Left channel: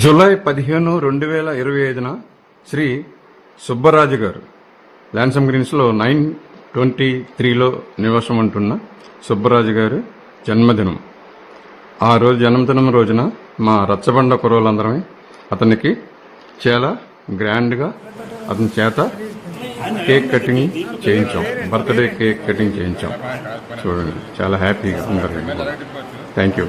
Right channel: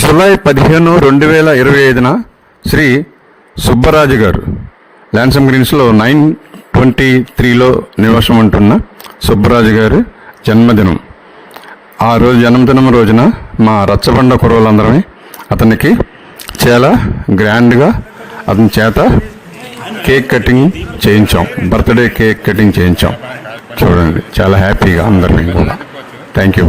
July 15, 2025న Shri Subbaraju గారు ల్యాన్సమ్ గ్రీన్స్లో 923లో నివాసం ఉంటున్న సుబ్బరాజు గారు జన్మదినం. ఆ రోజు జన్మదినం రోజున మా రచ్చబండ కుర్రలందరమే అతనికి చాలా గ్రాండ్గా అతని చేత కేక్ కటింగ్ చేయించాం, బర్త్డే కేక్ కటింగ్ చేయించాం. చూడండి, చాలా హ్యాపీగా అందరం కూడా. Thank you.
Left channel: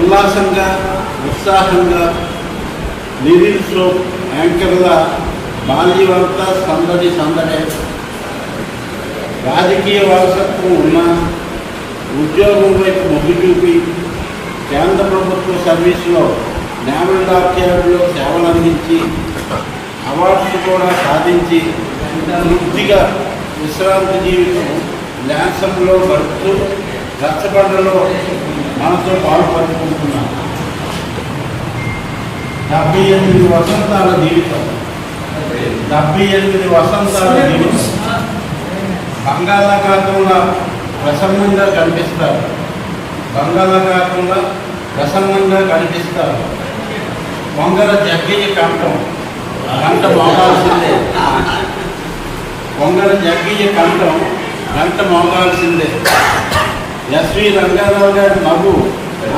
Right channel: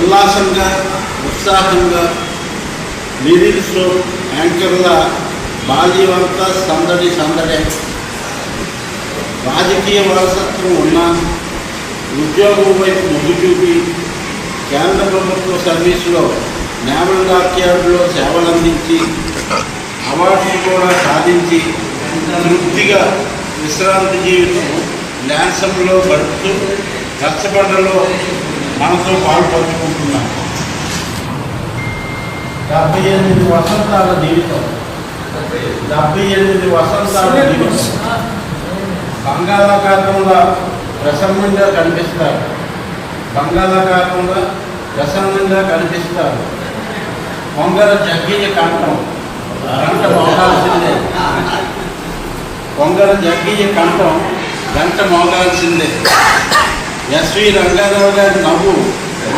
ఉల్లాసంగా, ఉత్సాహంగా లిరిక్స్లో యాంకర్గా బాల్యవంతా సందడి సందడే. రాజకీయ వారసత్వం ఉన్న ఉద్యోగం వైపు మొగ్గు చూపి కేంద్ర ప్రభుత్వ సర్వీసులో నేవల్ డాక్యార్డులో సేవలందించి అవార్డులు కూడా సాధించి తృప్తిగా విశ్రాంతి జీవితం ల్యాన్సంలో గడుపుతూ రచ్చబండలో మనతో పాల్పంచుకుంటున్నాం. 78 వసంతాల జీవితం, 78 వసంతాల జీవితం బంగాళాఖాతంలో ప్రసన్నంగా కనిపిస్తారు. బంగాళాఖాతంలో ప్రసన్నంగా కనిపిస్తారు. పొంగల జగ్గయ్య కంఠం గంట మోగాల్సిందే. పొంగల జగ్గయ్య కంఠం గంట మోగాల్సిందే. ఎస్వి రంగారావు గారి నవ్వు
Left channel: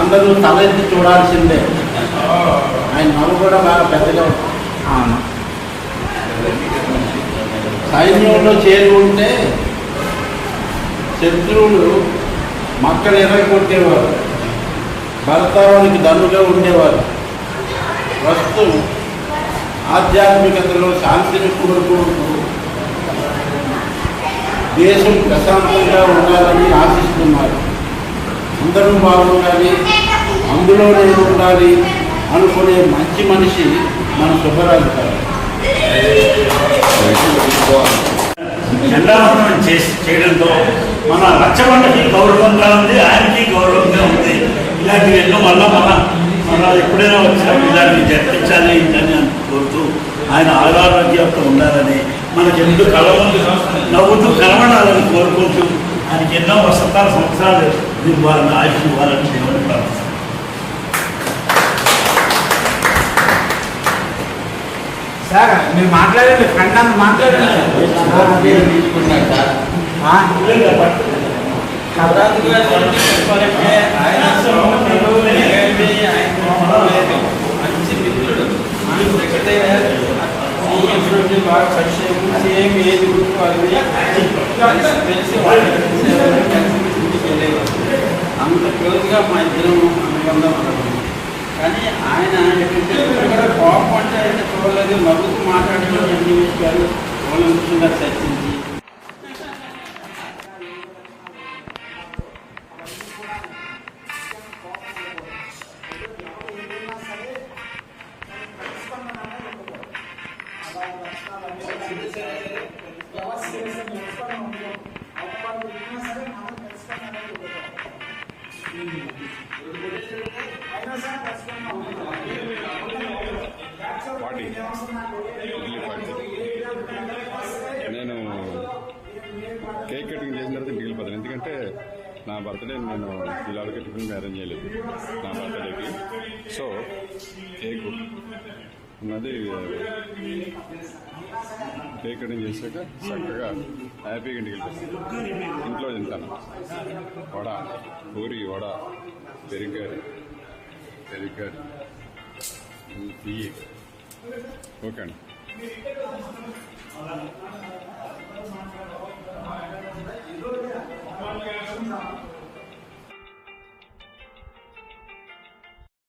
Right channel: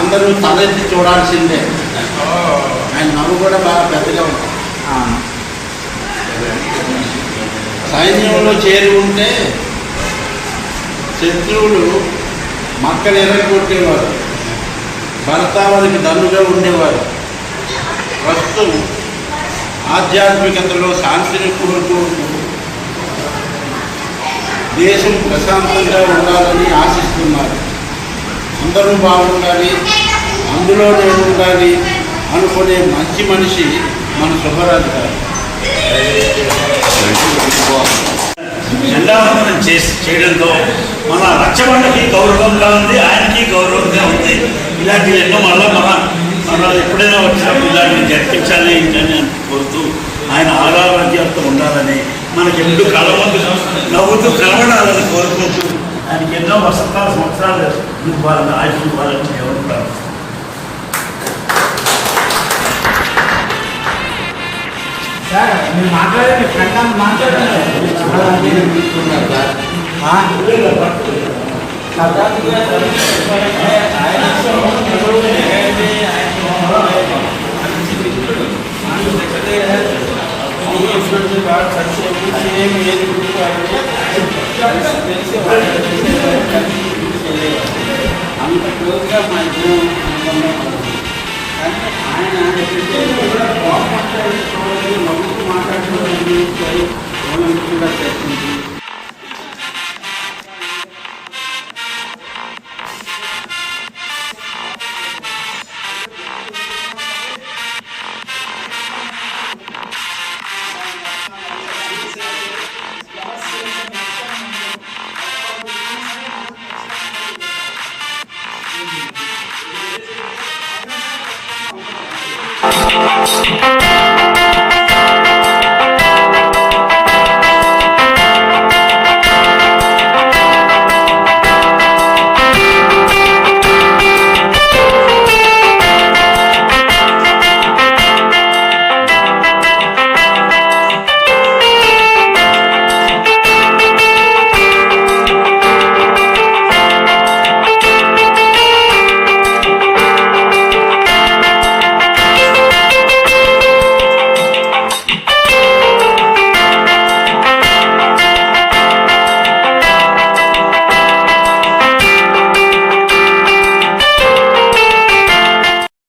అందరూ తలెత్తి చూడాల్సిందే. ఆయన నవ్వు కూడా బాగా పెద్దగా ఉంటుంది. సైన్యంలో చేరి ఉంటే శత్రువులు మక్కలు ఎరగొట్టేవారు, భర్తావానికి దన్నుగా ఉండేవారు. ప్రస్తుతం ఆధ్యాత్మికతలో శాంతిని కోరుకుంటూ దేశం ప్రశాంతంగా ఉండాలని ఆశిస్తున్నారు. అందరూ బాగుండాలి, అందులో నేను ఉండాలి అనుకునే మంచి మనిషి మన సుబ్బరాజు గారు. జెండావందనం చేయడంతో మన రచ్చబండకి గౌరవంగా ఉంది, ఆయనకి గౌరవంగా ఉంది. ఇలాంటివి ఎన్నో మన ఎప్పుడైనా వచ్చినప్పుడు ఇలాంటివి జరిపించాలి అని కోరుతూ ఆయన ఆరోగ్యంతో ఉండాలని, మనకి ఎప్పుడు కలవందు నవ్వుతూ కలవడాలని కోరుకుంటూ ఆయనకి ఎన్నో సంవత్సరాలు ఇవ్వాలని ఆయుష్ ఇవ్వాలని దేవుని ప్రార్థన. సార్ మీరు మాట్లాడండి, కన్నా మాట్లాడండి. అంత క్లోజ్గా మా ఇద్దరు అనుకున్నాం. కానీ ఆయన కోపంటే చూడలేదు, నవ్వుతూ మాట్లాడుతూ కూడా చర్చించి అవునా సార్?